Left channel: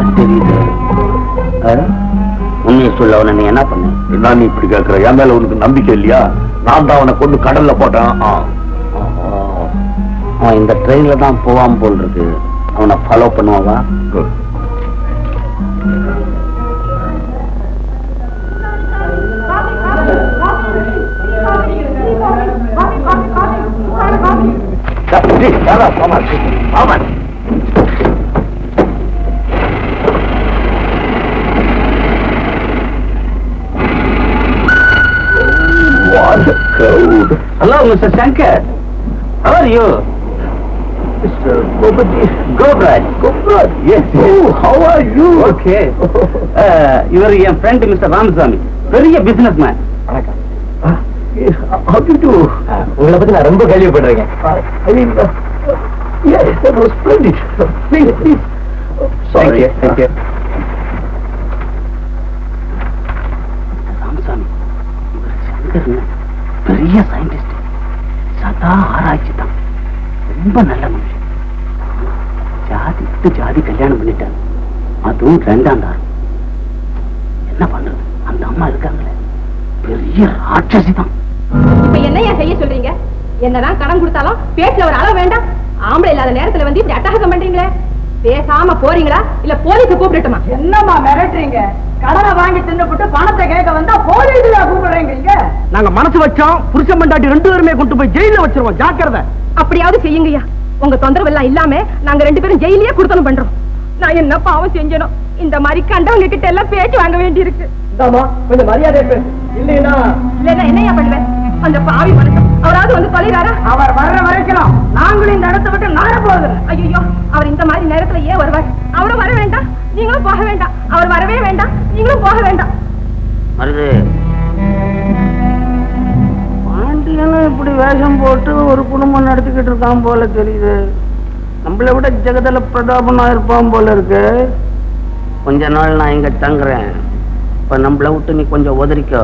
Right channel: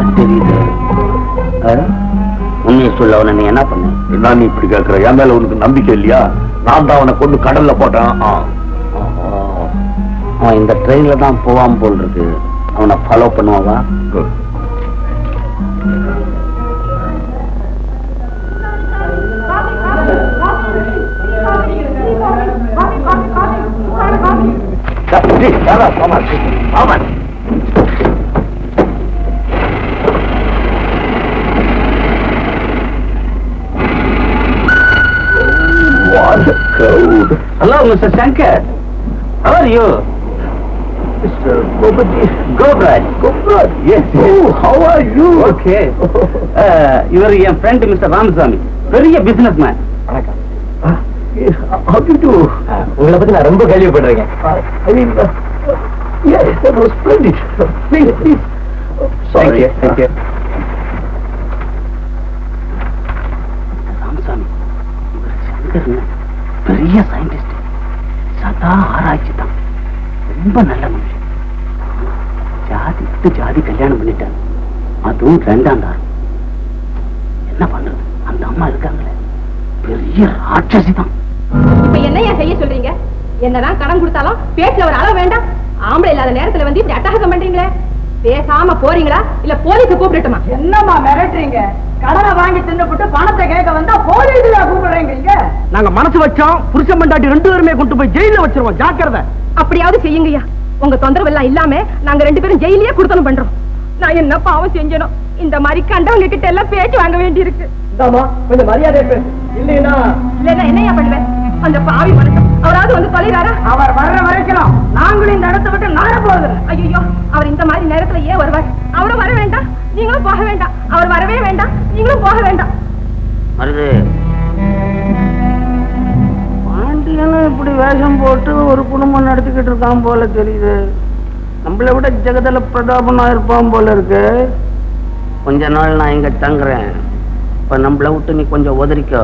மாதிரி தெரியுது. உண்மையை சொல்ல அவனை நீ என்ன பண்ண? என்ன நீ இப்படி கேட்கிற? என் மேல உனக்கு நம்பிக்கை இல்லையா? நான் தான் அவனை கொண்டு கடல்ல போட்டேன். அவன் இந்த ட்ரெயின்ல தான் போவான் போல் இருக்கு. அவனை follow பண்ணுவாவா? What a crowd. Hello, Mr. Shankar. How are you? Mr. Gopaji. Gobraj. Gobraj. Yes. Oh, how are you? Okay. You are your friend, Mr. Ramaswamy. Very a businessman. வணக்கம். How do you do? உங்களை பத்தி நான் ரொம்ப கேள்விப்படுறேன். I mean, yes, that was splendid. Please, please. Sorry. Thank you. Ramasamy, இவர் சங்கர் பெரிய scientist. சதா ஆராய்ச்சி தான். ரொம்ப நல்ல மனுஷன். ஜாதி விட்டு ஜாதி கல்யாணம் பண்ணிட்டாங்க. அதுவும் 2ஆம் தாரம். என்ன பண்றது? அந்த அம்மா இருக்காங்களே, பெரிய ராட்சசி தான். இப்ப என்னையா செய்ய சொல்றீங்க? என்னதான் கடன் கொடுத்தாலும் பேச்சுல ஒரு அளவு வேண்டாம். ஆம்பளை இல்லாத நேரத்துல வந்து இப்படி அட்டகாசம் பண்றீங்களே, பேசாம போறீங்களா இல்ல போலீஸ கூப்பிடட்டுமா? என்னம்மா மிரட்டுறீங்க? கடனை வாங்கி தின்னுபிட்டு பணத்தை கேட்க வந்தா போலீஸ்ல கூப்பிடுறீங்க. நாங்க மனசு வச்சோம், புருஷன் பண்டாட்டி 2 பேருமே கொண்டு போய் ஜெயில வச்சிருவோம். ஜாக்கிரதை. அப்படியாவது செய்யுங்கய்யா. உங்க தொந்தரவு எல்லாம் இல்லாம நாங்க 2 பேரும் ஜெயிலே கொடுத்தனும் பண்றோம். நான் என்ன பாவம் செஞ்சனும்? இந்த மாதிரி கண்டவங்க கிட்ட எல்லாம் பேச்சு வாங்க வேண்டி இருக்கு. கொஞ்சம் மரியாதை பேசு. இல்லைன்னா என்னையா பண்ணுவேன்? அந்த பாவி மனுஷன் அவராவது வந்து தொலைறாரா? அவர் வர்ற வரைக்கும் நாங்களும் இந்த இடத்தை விட்டு நாட போகுது. ஐயோ, அவர் இந்த மாதிரி நேரத்துல ஏன் வருவார்? அவரும் வர வேண்டாம், நீங்களும் போக வேண்டாம். அவர் வரவே வேண்டாம், நீங்களும் போக வேண்டாம். மருது, பாண்டியனும் இப்படி வேஷம் போட்டு ஒரு குடும்பம் நடத்திக்கிட்டு இருக்கான் போல தெரியுது. நம்மளை விட ஜெகதல பிரதாபனா இருப்பான் போல இருக்கு. கொஞ்ச நாள் நான் இங்க தங்குறேன். இப்ப நம்மளை விட்டு நீ கொஞ்சம் ஒதறிக்கோ.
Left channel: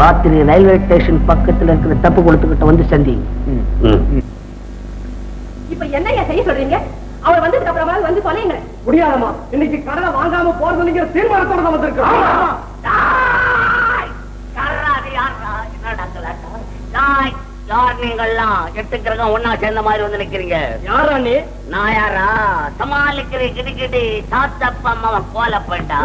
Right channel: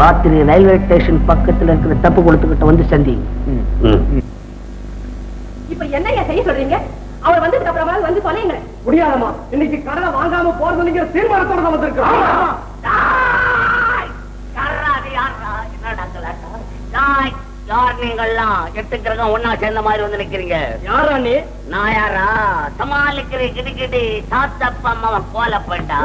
ராத்திரி ரயில்வே ஸ்டேஷன் பக்கத்துல இருக்கிற தப்பு கொடுத்துக்கிட்ட வந்து சந்தி. இப்ப என்னையா செய்ய சொல்றீங்க? அவர் வந்ததுக்கு அப்புறமா வந்து தொலைங்க. முடியாதமா, இன்னைக்கு கடனை வாங்காம போறதுங்க தீர்மானத்தோட வந்திருக்கோம். நீங்கெல்லாம் 8 கிரகம் ஒன்னா சேர்ந்த மாதிரி வந்து நிக்கிறீங்க. யாரா நீ? நான் யாரா? சமாளிக்கிறேன். கிடுக்கிட்டு சாத்தப்பா அம்மா கோல போயிட்டா.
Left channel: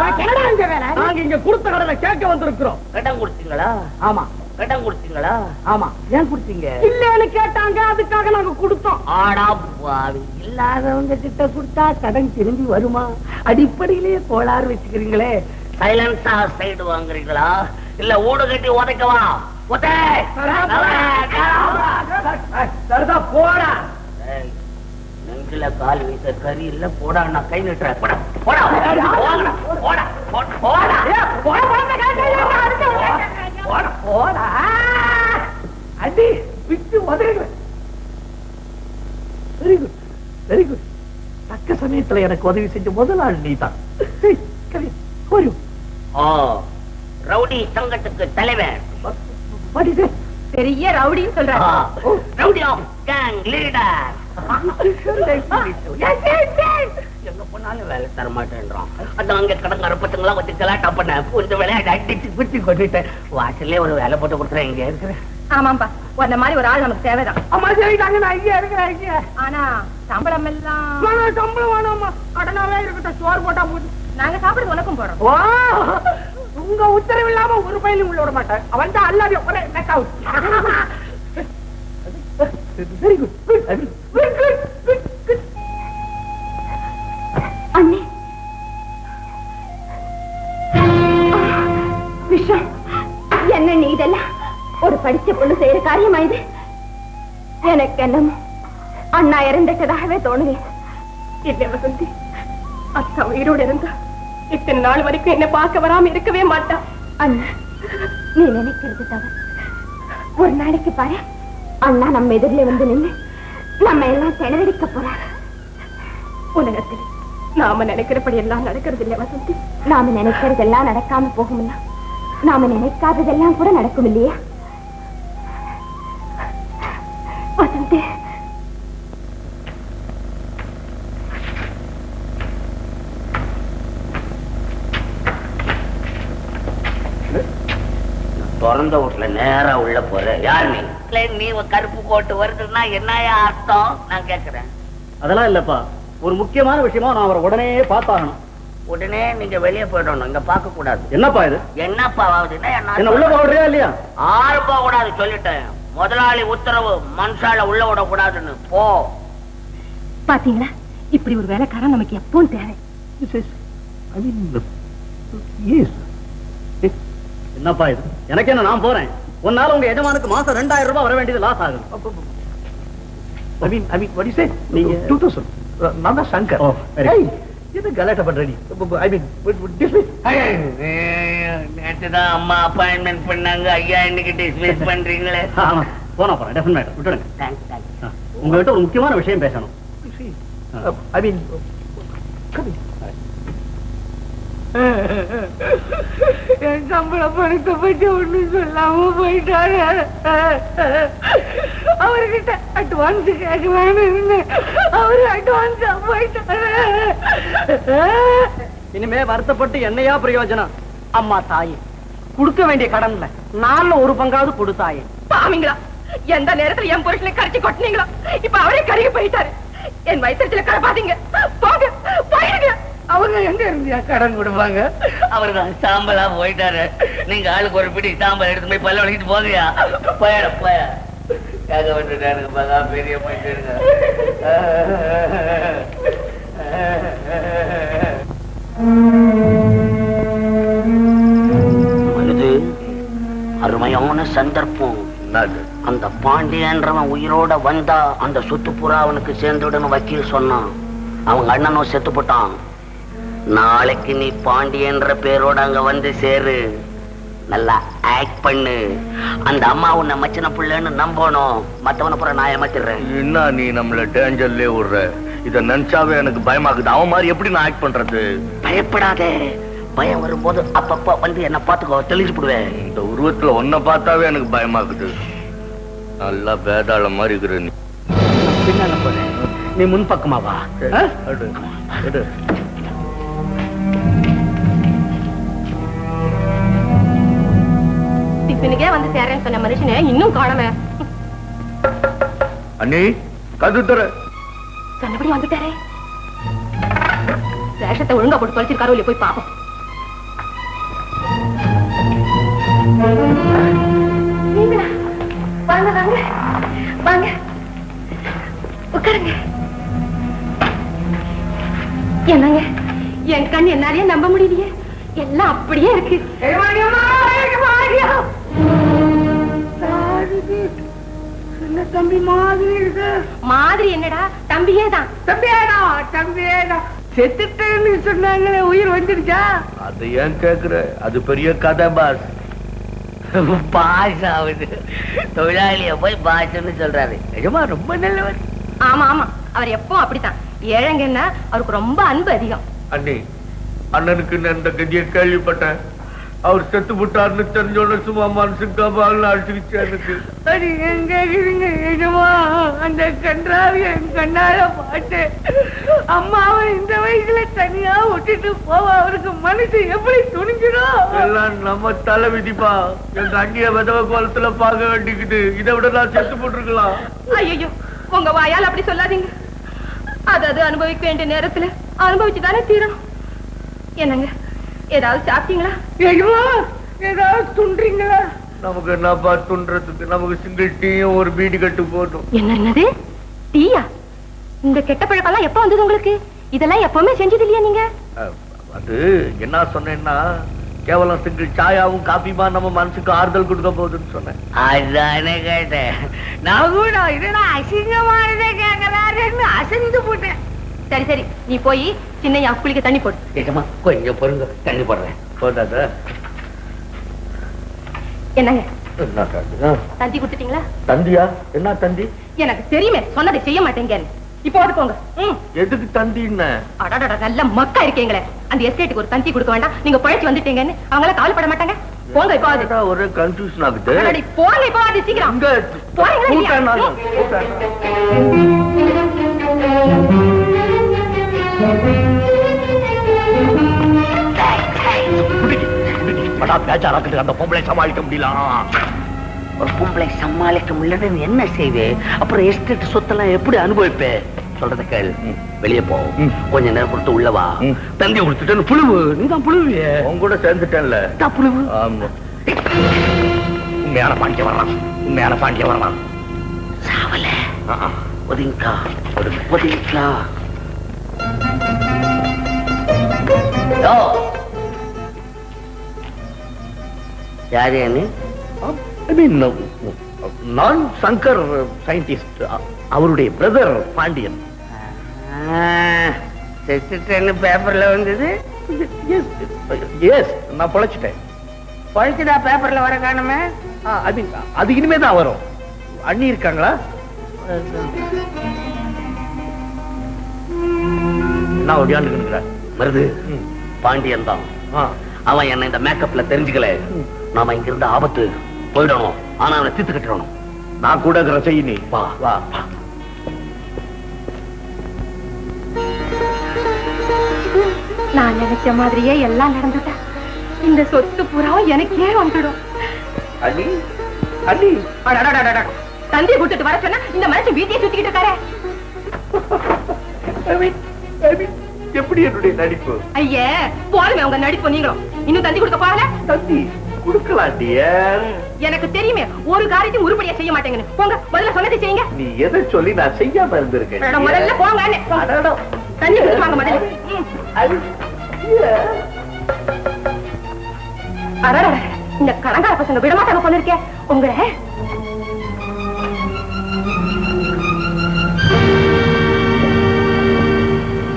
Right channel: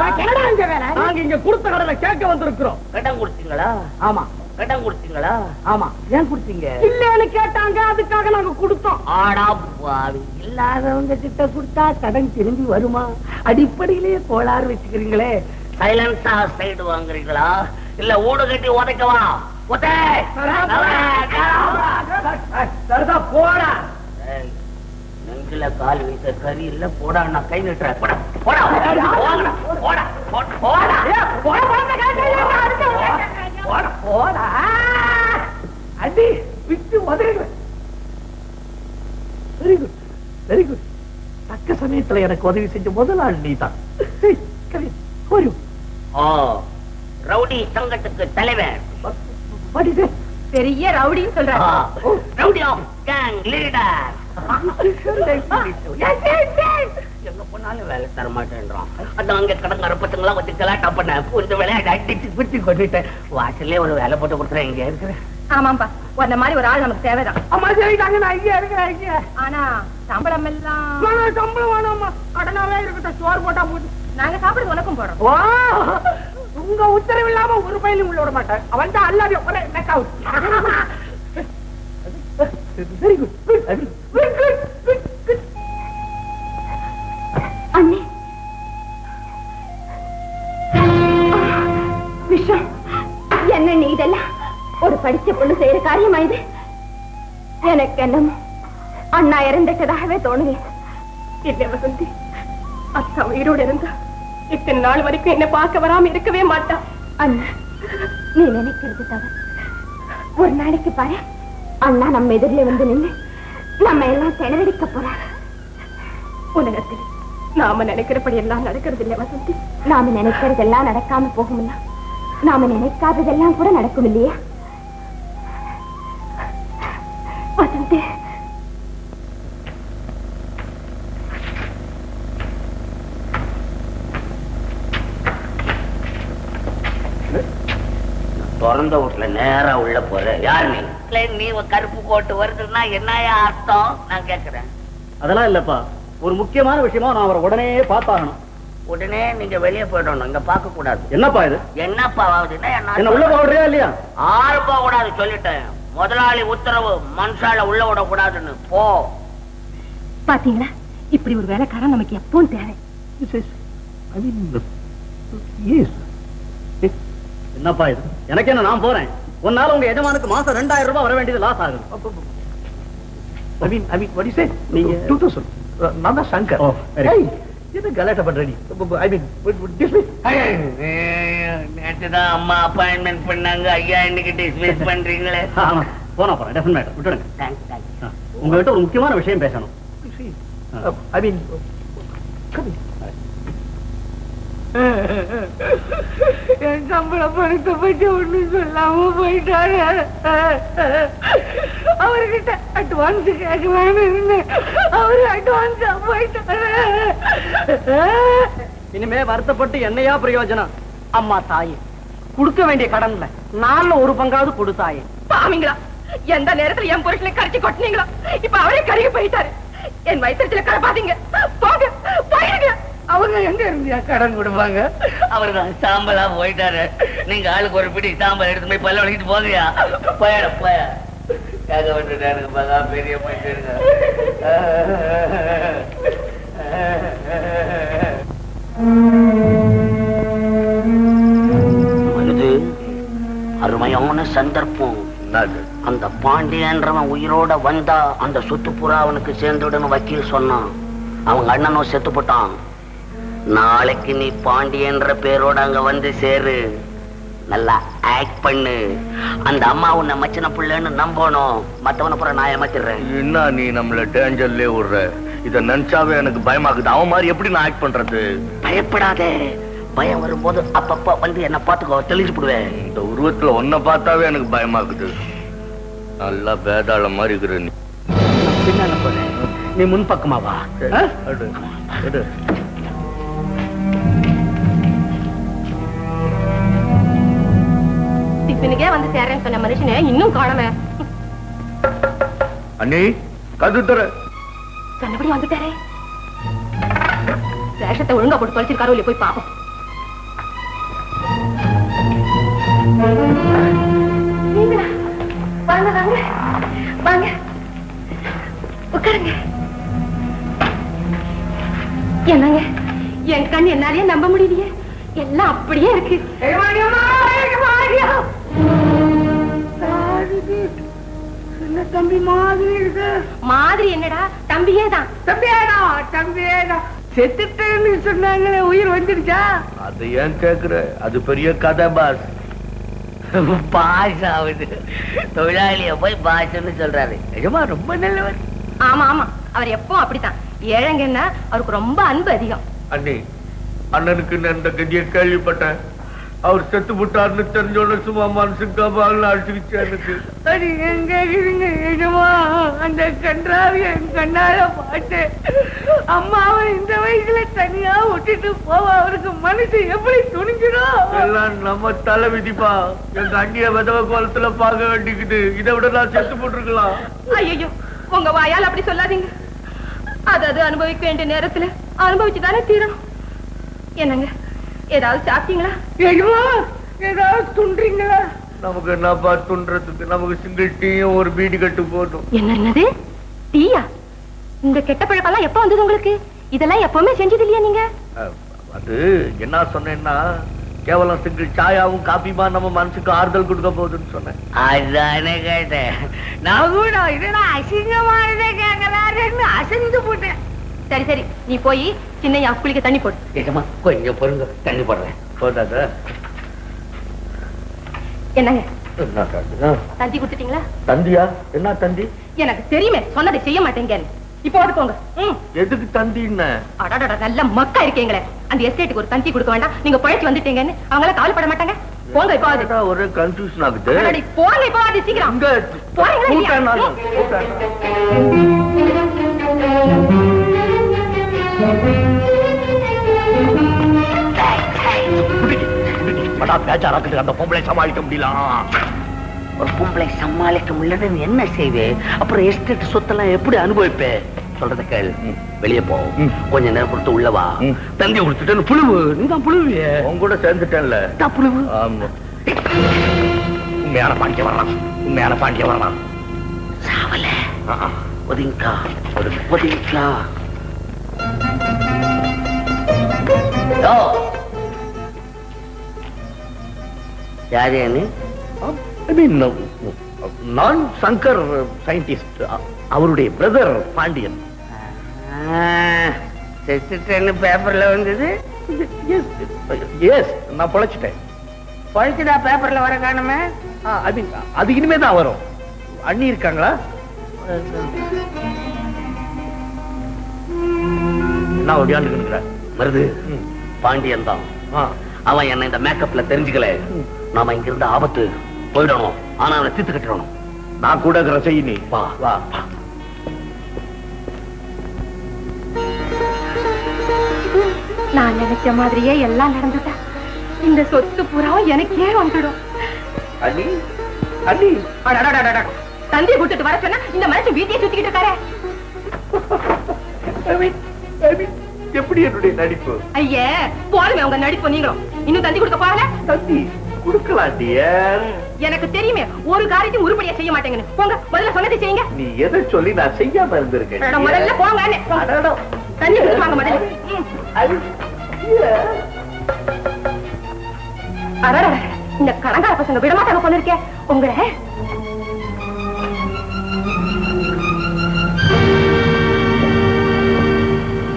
நாங்க இங்க கொடுத்த கடனை கேட்க வந்திருக்கிறோம். கடன் கொடுத்தீங்களா? ஆமா. கடன் கொடுத்தீங்களா? ஆமா. ஏன் கொடுத்தீங்க? இல்லன்னு கேட்டாங்க, அதுக்காக நாங்க கொடுத்தோம். ஆடா பாவி, இல்லாதவங்க கிட்ட கொடுத்தா கடன் திரும்பி வருமா? அடிப்படையிலேயே கோளாறு வச்சுக்கிறீங்களே. சைலன்ஸா சைடு வாங்குறீங்களா இல்ல ஊடு கட்டி உதைக்கவா? போடா. நெஞ்சில கால் வீச கறி இல்ல. போடா, நான் கை நிட்டுறேன். அடி விட்டு உதவி. Very good. தக்க சமயத்துல எனக்கு உதவி செஞ்ச முதல் ஆள் நீ தான். ரவுடி சங்கத்துக்கு தலைவர். பெரிய ரவுடி சொல்றாரு. Rowdy of gang leader. எங்க போனாலும் வேலை தர மாட்டேன்றான். அந்த அங்க கடங்கார பசங்களா வச்சு கலாட்டா பண்ண கொஞ்சம் விளையாட்டு அடிச்சு பிடிச்சி கொண்டுட்டேன். வாசல்லே ஒரு வேலை போட்டு கொடுத்துறேன். இங்க இருக்கிறேன். ஆமாப்பா, அந்த மாதிரி ஒரு ஆள் நமக்கு தேவைதான். அம்மா சரிதாங்க, நான் இங்கே இருக்கிறேன். ஆனா சம்பளம் எல்லாம் சம்பளம் வேணாமா, கடனாவே இருக்கட்டும். சோறு போட்டா போது நாங்க சாப்பிடுறது உனக்கும் போறோம். உங்க உத்தரவு இல்லாம ஒரு பயிலும் உள்ள விட மாட்டேன். அவன் தான் அல்லாத ஒரே நெக்காவு. Very good. அண்ணே, விஷம் என்ன நீ இதெல்லாம் ஒரு படிச்ச பொண்ணு செய்யற காரியமா இது? எனக்கு என்னமோ அண்ணா இறந்துட்டதாகவே தோணுது. இல்ல வசந்தி, அக்கா உயிரோடு இருந்தா இத்தனை நாள் வரைக்கும் என்ன பார்க்க வராம இருக்கவே மாட்டா. அண்ணா, நீ நினைக்கிறது தவிர ஒரு நாளைக்கு பாரு, அண்ணா நம்ம எதிரில வந்து நின்று நம்ம எல்லாம் செலவழிக்க போறாங்க. உலகத்தில் நாம நினைக்கிறபடி எல்லாம் நடக்கிறது இல்ல வசந்தி. நாம நினைக்கிறதெல்லாம் நடக்காம போகும்ல, நாம நினைக்காததெல்லாம் கூட நடக்கும் இல்லையா வசந்தி? திறந்த வீட்டுல நேரா உள்ள போற. யார் நீ? நீ கருப்பு போட்டு வருதுன்னா என்னையா அர்த்தம் நான் கேக்குறேன். அதெல்லாம் இல்லப்பா, ஒரு முக்கியமான விஷயமா நான் அவரை உடனே பார்த்தாகணும். உடனே நீங்க வெளியே போயிடணும், இங்க பார்க்க கூடாது. என்னப்பா இது? என்னப்பா ஆகுதுன்னா என்ன உள்ள போடுறியா இல்லையா? ஆறு போக கூடாது சொல்லிட்டேன். முதலாளி உத்தரவு, மனுஷால உள்ள விட கூடாதுன்னு. போ. பாத்தீங்களா, இப்படி ஒரு வேலைக்காரன் நமக்கு எப்பவும் தேவை. என்னப்பா இது? எனக்கு என்ன, நான் போறேன். ஒன்னால உங்க எஜமானுக்கு மாசம் 2000 ரூபாய் வர வேண்டியது லாஸ் ஆகும். நீங்க 2000 நான் தான் சங்கர். இது கலாட்டா பண்றீங்க. நேற்றுதான் அம்மா அப்பாயின்மெண்ட் பண்ணாங்க, ஐயா இன்னைக்கு டிஸ்மிஸ் பண்றீங்களே. போனா போறேன், டெஃபினட் விட்டுடுங்க. உங்ககிட்ட ஒரு முக்கியமான விஷயம் பேசணும். I mean, என் சம்பள பணத்தை பற்றி ஒண்ணு சொல்லாம போயிட்டாரு. அவர்கிட்ட அட்வான்ஸ் கேட்க வேணும்னு அவரு அட்வான்ஸ் போயிட்டாரு. இனிமே வருத்தப்பட்டு என்னையா பிரயோஜனம்? அம்மா தாயே, கொடுக்க வேண்டிய கடன்ல 4 பங்காவது கொடுத்தாயே. பாவீங்களா, எந்த நேரத்துல என் புருஷனை கரைச்சி கொட்டினீங்களோ இப்ப அவரே கரையை போயிட்டாரு. என் வயிற்றுல கரப்பாதீங்க, போங்க போயிடுங்க. அவங்க எங்க இருந்தியா கடன் கொடுப்பாங்க? அவர்தான் சாம்பலா போயிட்டாரு. நீங்க ஆளுக்கு ஒரு பிடி சாம்பல் எடுத்து போய் பல்ல வலிக்கிட்டு போகையா. போயிட போய கேட்க வேண்டிய பெரிய போயிட்டு இது அருமையான சந்தர்ப்பம். அந்த பாண்டியன்றவன் உயிரோட வந்தா அந்த சொத்து புறா அவனுக்கு சேர்ந்துடணும் வக்கீல் சொன்னான். அவங்க அண்ணனும் செத்து போட்டான். நாளைக்கு நீ பாண்டியன்ற பேரோட அங்க வந்து சேரு. நல்லா ஆக்ட் பண்ணு. அந்த அம்மா உன்னை மச்சின புள்ளன்னு நம்பணும். மத்தவன புற நான் ஏமாத்திடுறேன். என்ன நீ நம்மள டேஞ்சர்லயே விடுற? இத நினைச்சாவே எனக்கு பயமாக்குது. அவன் மாதிரி எப்படி நான் ஆக்ட் பண்றது? பயப்படாதே. பயம் வரும்போது அப்பப்ப வந்து என்ன பாத்துக்கோ, தெளிஞ்சு போடுவேன். இந்த உருவத்துல ஒன்ன பார்த்தாவே எனக்கு பயமாக்குது. நல்லா வேதாள மாதிரி இருக்கிற நீ. பின்னால போறேன், நீ முன்பக்கமா வா. டிஃபனுக்கே வந்து சேரேன்னு சொன்ன மனுஷனை இன்னும் காணமே. அண்ணி கது தர சொன்னபடி வந்துட்டாரே. வேஷத்தை ஒழுங்கா போட்டு பழிச்சிருக்காரோ இல்லையா போய் பாப்போம். வாங்க வாங்க வாங்க, உட்காருங்க. என்னங்க, என் கண் என்னாலேயே நம்ப முடியலையே. எல்லாம் அப்படியே இருக்கு. தம்பி மாதிரி இருக்கு. மாதிரி என்னடா, தம்பியே தான். தம்பியேடா செத்துட்டேன்னு சொன்னாங்களே, உயிர் வந்துருச்சா? அது ஏன் கேக்குற? அது பெரிய கதை பாஸ். பாஸ் ஆகுது. தொழிலாளிய போய் பாஸ்ன்னு சொல்றாரு. நிஜமா ரொம்ப நல்லவர். ஆமா ஆமா, அவர் எப்பவும் அப்படித்தான். ஏழைங்கன்னா அவருக்கு ரொம்ப அன்பு அதிகம். அண்ணி, அண்ணனுக்கு நான் இந்த கதியை கேள்விப்பட்டேன். அவர் செத்து விட்டார்னு தெரிஞ்சோட சும்மா மனசுக்கு அடிச்சிருச்சு எனக்கு. அந்த கன்றாவி என் கண்ணால பாட்டு அம்மாவை இந்த வயசுல தனியா விட்டுட்டு போவ அவருக்கு மனசு எப்படி துணிஞ்சிடும்? எல்லாம் நம்ம தலை விதிப்பா. எங்க அண்ணிய விதவ கோலத்துல பார்க்க வேண்டிக்குது. இதை விட நான் செத்து போட்டுருக்கலாம். ஐயோ, உங்க வாயால் அப்படி சொல்லாதீங்க. அது அனுபவிக்க வேண்டிய நேரத்துல அனுபவிச்சுதானே தீரும். என்னங்க, ஏதாவது சாப்பிட்டீங்களா? ஏதாவது துன்றீங்களா? நமக்கு என்னப்பா துன்றதுக்கு? நமக்கு சிங்கிள் டீயும் ஒரு பீடி கட்டு போதும். என்னது டீயா? இந்த கெட்ட பழக்கெல்லாம் எப்ப வந்தது உங்களுக்கு? இதெல்லாம் எப்பவுமே செஞ்சது இல்லையா நீங்க? அது என்ன சொன்னேன்னா, கேவலம் சிங்கிள் சாயாவும் காபிமா நம்ம மனசுக்கு ஆறுதல் கொடுக்க போகுதுன்னு சொன்னேன். அதுதானே கேட்டேன். நான் கூட இதெல்லாம் அசிங்கமானதே கேட்கலான்னு அசைந்து போட்டேன். சரி சரி, நீ போய் சின்னையா குளிக்க தண்ணி போடு. நிஜமா கொஞ்சம் பொருங்க, தண்ணி போடுறேன். போதாதா? என்னங்க, என்ன தந்தி கொடுத்துட்டீங்களா? தந்தியா? என்ன தந்தி? எனக்கு தெரியுமே, சொன்னதை செய்ய மாட்டேங்க. இப்ப எடுத்துக்கோங்க. எதுக்கு தந்தி? அடாடா, நல்ல மக்கா இருக்கீங்களே. அந்த எஸ்டேட்டுக்கு ஒரு தந்தி கொடுக்க வேண்டாம், நீங்க பழச்சு வந்துட்டீங்கன்னு அவங்கள கவலைப்பட மாட்டாங்க. போங்க இப்போ. ஒரு கன்ஃபியூஷன் ஆகுது. போங்க இப்போ, அது சீக்கிரம் என்னடா பேச்சாராக்கு அந்த பொம்பளை சமாளிக்க முடியல? ஒரு பொம்பளை சமாளிக்க முடியலன்னு என்ன செய்வேன்? அப்புறம் எஸ்டேட் சொத்தெல்லாம் எப்படி அனுபவிப்பேன்? சொல்றத கேள். வெளியே போ, கொஞ்ச நேரம் கொடுத்து உள்ளவா. தந்தி கொடுத்துட்டு புழுவு. நீதான் புழுவு. உங்க கூட சேர்ந்துட்டேன்ல. புழுவு. உண்மையான பாண்டிய வரலாம், உண்மையான பாண்டிய வரலாம். சாவல ஒதுங்கா, ஒதுங்கா. யாரு? நான் சங்கர் சயின்டிஸ்ட், அவருடைய பிரதர் பாண்டியன். பேப்பர்ல வந்தது. நான் பொழைச்சிட்டேன். பழிச்சுடா பேப்பர்ல வர காணுமே. அது இனிமேதான் வரும். அண்ணி இருக்காங்களா? நான் ஒடியாண்டுக்கிறேன். வருது பாண்டியன் தான். அவன் என்ன இந்த மேக்கப்ல தெரிஞ்சுக்கல. நாம இங்க இருந்த ஆபத்து போயிடணும். ஆனா அவனை தீர்த்து கட்டணும். நான் கூட செய்ய நீ வா வா. நான் நினைச்ச மாதிரியே எல்லாம் நடந்துட்டா. இந்த சொத்து பூரா எனக்கே வந்துடும். அண்ணி அண்ணி தந்தையை கூட்டிட்டு வர சொன்னா இந்த மனுஷன் வீட்டையே சுத்திக்கிட்டு இருக்காரு. எப்படி என்னுடைய நடிப்பு? ஐயே போடுங்க உங்க நடிப்பு. நீங்களும் இன்னும் தந்தி கொடுக்க போகல? தந்தி கொடுக்கலாம் டியர். எனக்கு தெரியுமே ஒரு காரியத்தையும் உருப்படியா செய்ய மாட்டேங்க. போங்க, முதல்ல சொன்னதை செய்யுங்க. நீ எதை சொல்லி நான் செய்யாம இருந்திருக்கேன்? முதல்ல போங்க. தண்ணி குடிச்சுவாங்க முதல்ல. இந்த கடங்கார பசங்க விடமாட்டாங்க போல இருக்கேன் உங்களை.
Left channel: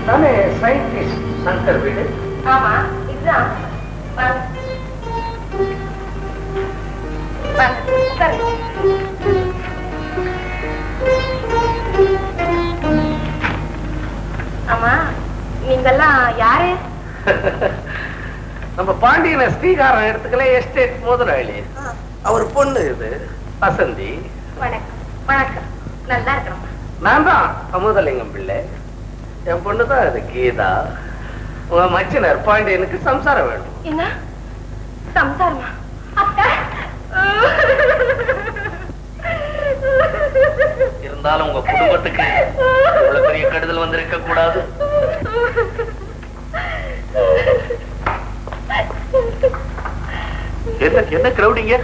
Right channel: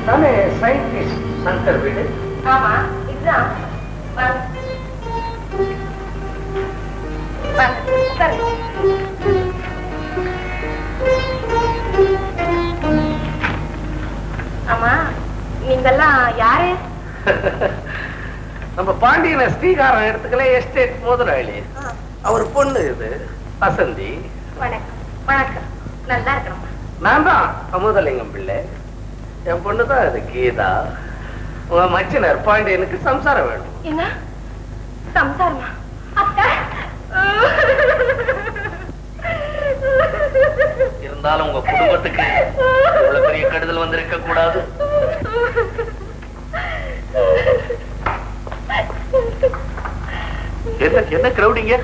நானே சயின்டிஸ்ட் சங்கர் வீடு. ஆமா இதுதான். ஆமா நீங்கெல்லாம் யாரு? நம்ம பாண்டியன ஸ்ரீகாரம் இடத்துக்குள்ள எஸ்டேட் முதலாளி. அவர் பொண்ணு இது வசந்தி. வணக்கம். வணக்கம். நல்லா இருக்கிறோம். நான் தான் அமுதலிங்கம் பிள்ளை. என் பொண்ணுதான் அது கீதா. உன் மச்சினர் பாண்டியனுக்கு சம்சாரம் வேணும். என்ன சம்சாரமா? அக்கா இருந்தாலும் உங்க குடும்பத்துக்கு இவ்வளவு பெரிய கெடுதல் வந்திருக்க கூடாது. என்ன கிரௌடிங்க?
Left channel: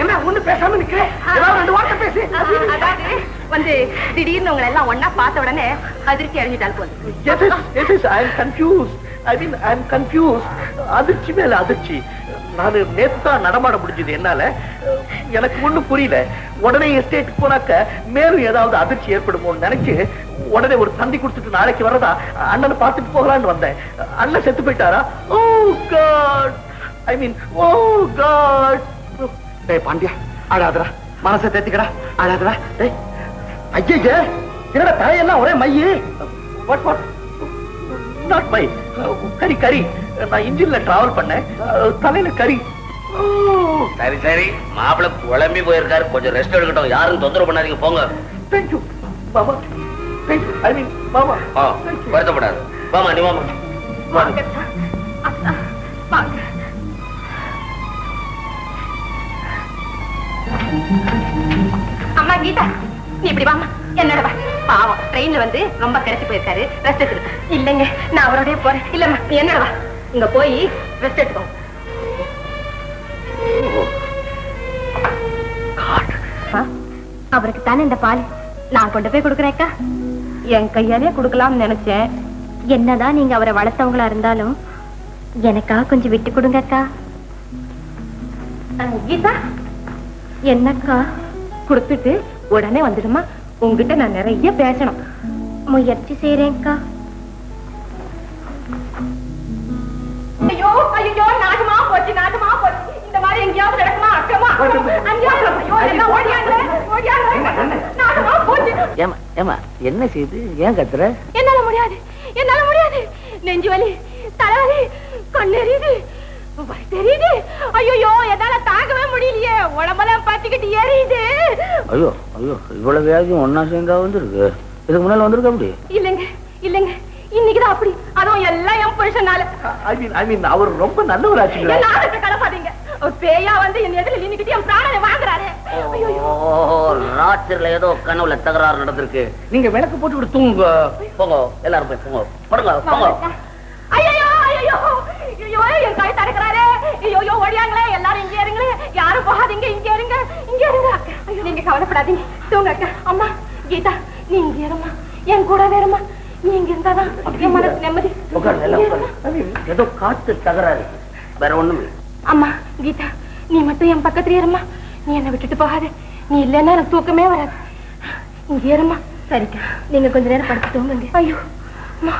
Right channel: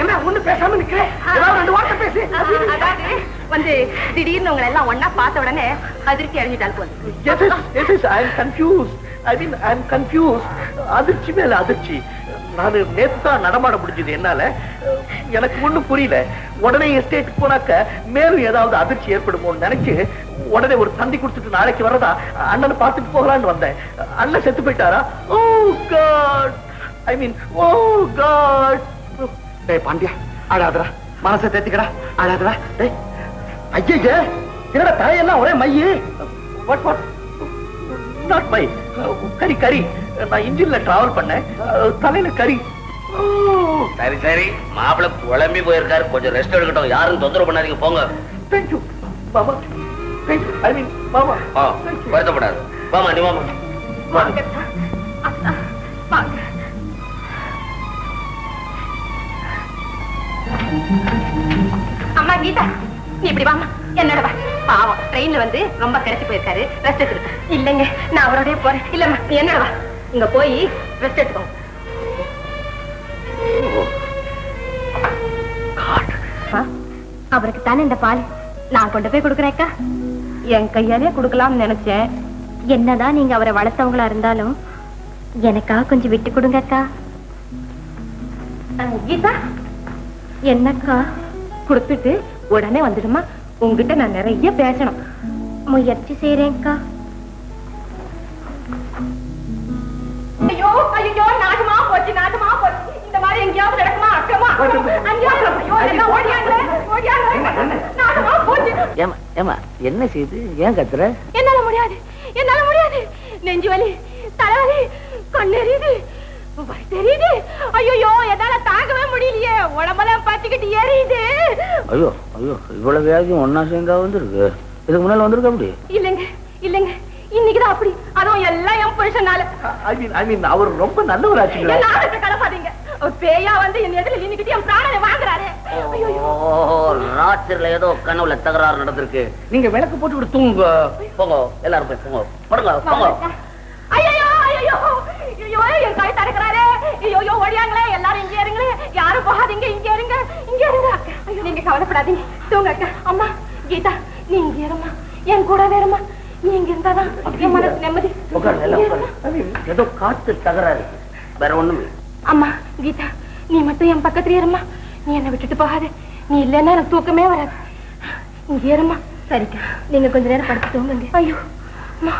என்ன ஒண்ணு பேசாம நிக்கிறேன்? வந்து திடீர்னு உங்களை எல்லாம் ஒன்னா பார்த்த உடனே அதிர்ச்சி அடைஞ்சிட்டால் போதும். அதிர்ச்சி மேல அதிர்ச்சி. நான் நேத்துதான் நடமாட முடிஞ்சது என்னால. எனக்கு ஒண்ணும் புரியல. உடனே எஸ்டேட் போனாக்க மேலும் ஏதாவது அதிர்ச்சி ஏற்படுமோ நினைச்சு உடனே ஒரு தந்தி கொடுத்துட்டு நாளைக்கு வரதா அண்ணனை பார்த்துட்டு போகலான்னு வந்தேன். அண்ணன் செத்து போயிட்டாரா? ஓ காட், ஐ மீன் ஓ காட். டேய் பாண்டியா, அழாதடா, மனசை தேத்திக்கடா, அழாதடா. டேய் ஐயே, என்னடா தாயெல்லாம் ஒரே மையு. வாட் வாட் நாட் மை கரி கரி. நான் இன்ஜின்ல டிராவல் பண்ணேன், தலையில கரி. சரி சரி, மாப்பிள்ள குழம்பி போயிருக்காரு, கொஞ்சம் ரெஸ்ட் எடுக்கட்டும். யாரும் தொந்தரவு பண்ணாதீங்க, போங்க. தேங்க்யூ மாமா. தேங்க்யூ. ஐ மீன் மாமா. வருத்தப்படாது. வாமா நீ வாமா. அம்மா கீதா, நீ இப்படி வாமா. என்னோட வா. பாவம் ட்ரெயின்ல வந்து ரொம்ப கரைச்சு போயிருக்காரு, ரெஸ்ட் எடுத்து. இல்லைங்க நான் அவரோடய போறேன். இல்லம்மா நீ என்னோட வா. இங்க போய் ரெஸ்ட் எடுத்துக்கோ. அவருக்கு தானே இந்த பால் நான் கொண்டு போய் கொடுக்குறேக்கா. என் கையாலே கொடுக்கலாம்னு நினைச்சேன். என்னதான் நீங்க அவரை வளர்த்தவங்களா இருந்தாலும் எனக்காக கொஞ்சம் விட்டு கொடுங்கக்கா. கீதா என்னக்கா? கொடுத்துட்டு உடனே வந்துடுமா. உங்ககிட்ட நான் நிறைய பேசணும். முயற்சி செய்றேன்க்கா. ஐயோ ஐயோ, நாட்டமா போச்சு, நாட்டமா போச்சு. இந்த மாதிரி எங்கேயாவது நடக்குமா? அக்கமா என்ன செய்யுது? ஏன் கத்துற? என்னால முடியாது, என்னால முடியாது. நெஞ்சு வலி, தலைவலி, கண்ணெறியுது, தெரியுது. ஐயோ என்னால தாங்கவே முடியலையே. உடம்பெல்லாம் பத்திக்கிட்டு எரியுது. ஐயோ ஐயோ, இவ்வளவு வியாதியும் ஒன்னா சேர்ந்தா வந்துருக்கு. இதுக்கு முன்னால வந்திருக்க முடியும்? இல்லைங்க இல்லைங்க, இன்னைக்குதான் அப்படி. அதுவும் எல்லாம் என் புருஷனால. அவர் ரொம்ப நல்லவராச்சுங்களா? கலப்பாதீங்க. பேயா வந்து என் எதிரில் இன்னைக்கு என் பிராணனை வாங்குறாரு. ராத்திரில ஏதோ கனவுல தகராறு நடந்திருக்கு. நீங்க விளக்கு போட்டு விட்டு தூங்க. போங்க, எல்லாரும் போய் போங்க. படுங்க, போங்க. ஐயோ ஐயோ ஐயோ, என் கை தடுக்கிறாரு. ஐயோ ஓடியாங்களே, எல்லாரும் இங்கே இருங்க. யாரும் போகாதீங்க, இங்க இருங்க, இங்க இருங்க. நீங்க கவலைப்படாதீங்க, தூங்க அக்கா. அம்மா கீதா, நீ இங்க இருமா, என் கூட வேறுமா. நீங்க இருந்தாதான் என் மனசு நிம்மதி. ஏதோ காத்து தகராறு, வேற ஒண்ணுமே. அம்மா கீதா, நீ மட்டும் என் பக்கத்துல இருமா. நீ என்னை விட்டுட்டு போகாத. நீ இல்லைன்னா எனக்கு தூக்கமே வராது. இங்க இருமா. சரிக்கா, நீங்க கொஞ்ச நேரம் படுத்து தூங்குங்க. ஐயோ அம்மா.